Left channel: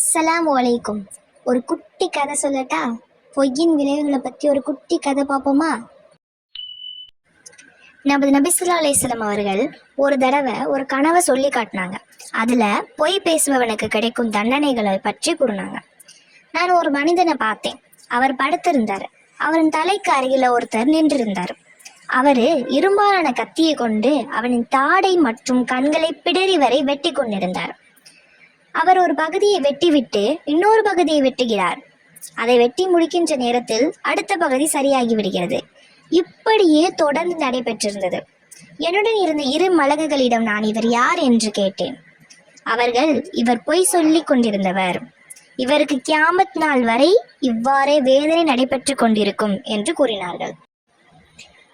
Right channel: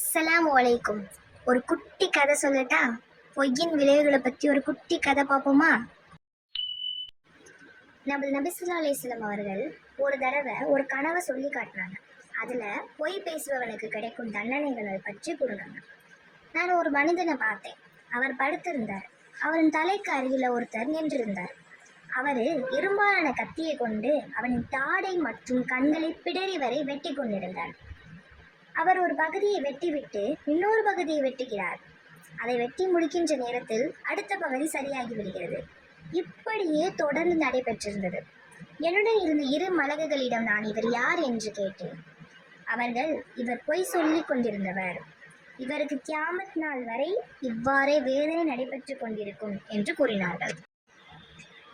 அஸ்ஸலாமு அலைக்கும். ஒரு குட்டி கதை சொல்லட்டா? பொய்யின் விளைவுகளை பற்றி ஒரு குட்டி கதை பார்ப்போமா? நமது நபி ஸல்லல்லாஹு அலைஹி வஸல்லம் அவர்கள் ஒரு தடவை ஒரு கனவை சொல்லி காட்டினாங்க. அதில் பொய் பேசுபவனுக்கு கிடைக்கும் தண்டனைகளை பற்றி கூறினாங்க. நான் ஒரு மனிதனை பார்த்தேன். அவர் படுத்திருந்தார். அவரின் தலைக்கு அருகில் ஒருத்தர் நின்றிருந்தார். அவர் இரும்பாலான கத்தியை கொண்டு அவனின் தாடை மற்றும் கண்களை பிடரி வரை வெட்டி கொண்டிருந்தார். அவர் ஒரு பகுதியை வெட்டிவிட்டு இன்னொரு பகுதியை வெட்டுகிறார். அதை வெட்டி முடிக்கின்ற நேரத்தில் அடுத்த பகுதி சரியாகி விடுகிறது. இப்படியே தொடர்ந்து நடைபெற்றிருந்தது. என்னுடன் இருந்த இரு மலகுகளிடம் நான் இவர் யார் என்று கேட்டேன். அவர்கள், இவர் பொய் சொல்லி கொண்டிருந்தவர், இவருக்கு கியாமத் நாள் வரை இவ்வாறே வேதனை நடைபெற்று கொண்டிருக்கும் என்று கூறினார்கள்.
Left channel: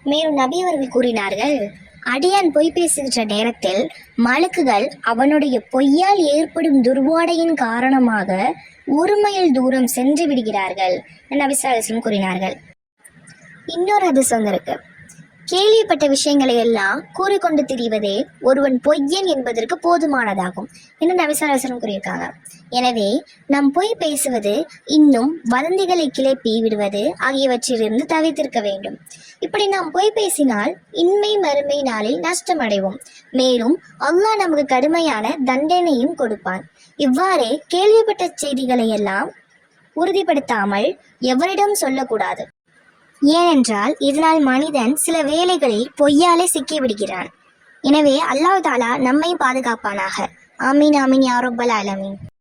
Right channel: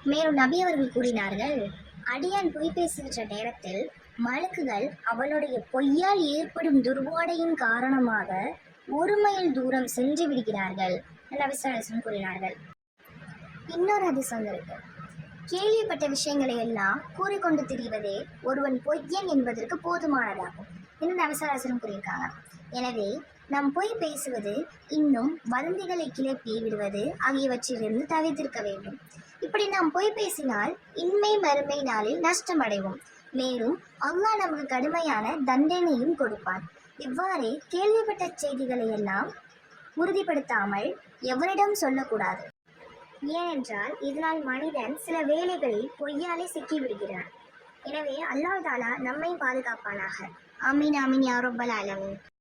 மேலும் நபி அவர்கள் கூறினார்கள், அடியான் பொய் பேசுகின்ற நேரத்தில் மலக்குகள் அவனுடைய பொய்யால் ஏற்படும் துர்வாடையின் காரணமாக 1 மைல் தூரம் சென்று விடுகிறார்கள் என நபி ஸல்லல்லாஹு அலைஹி வஸல்லம் கூறினார்கள். இன்னொரு ஹதீஸ் வந்திருக்கு, கேள்விப்பட்ட விஷயங்களை எல்லாம் கூறிக்கொண்டு திரிவதே ஒருவன் பொய்யன் என்பதற்கு போதுமானதாகும் என்று நபி ஸல்லல்லாஹு அலைஹி வஸல்லம் கூறியிருக்காங்க. எனவே நாம் பொய் பேசுவது, இன்னும் வதந்திகளை கிளப்பி விடுவது ஆகியவற்றிலிருந்து தவிர்த்திருக்க வேண்டும். இப்படி நாம் பொய் பேசினால் இன்மை மறுமை நாளில் நஷ்டமடைவோம். மேலும் அல்லாஹ் நமக்கு கடுமையான தண்டனையும் கொடுப்பான். இவ்வாறே கேள்விப்பட்ட செய்திகளை எல்லாம் உறுதிப்படுத்தாமல் எவரிடம் சொல்லக்கூடாது. ஏனென்றால் இதனால் மனிதன் சில வேளைகளில் பொய்யாலே சிக்கிவிடுகிறான். எனவே அல்லாஹ் தஆலா நம்மை பாதுகாப்பானாக. ஆமீன் ஆமீன் யா ரப்பல் ஆலமீன்.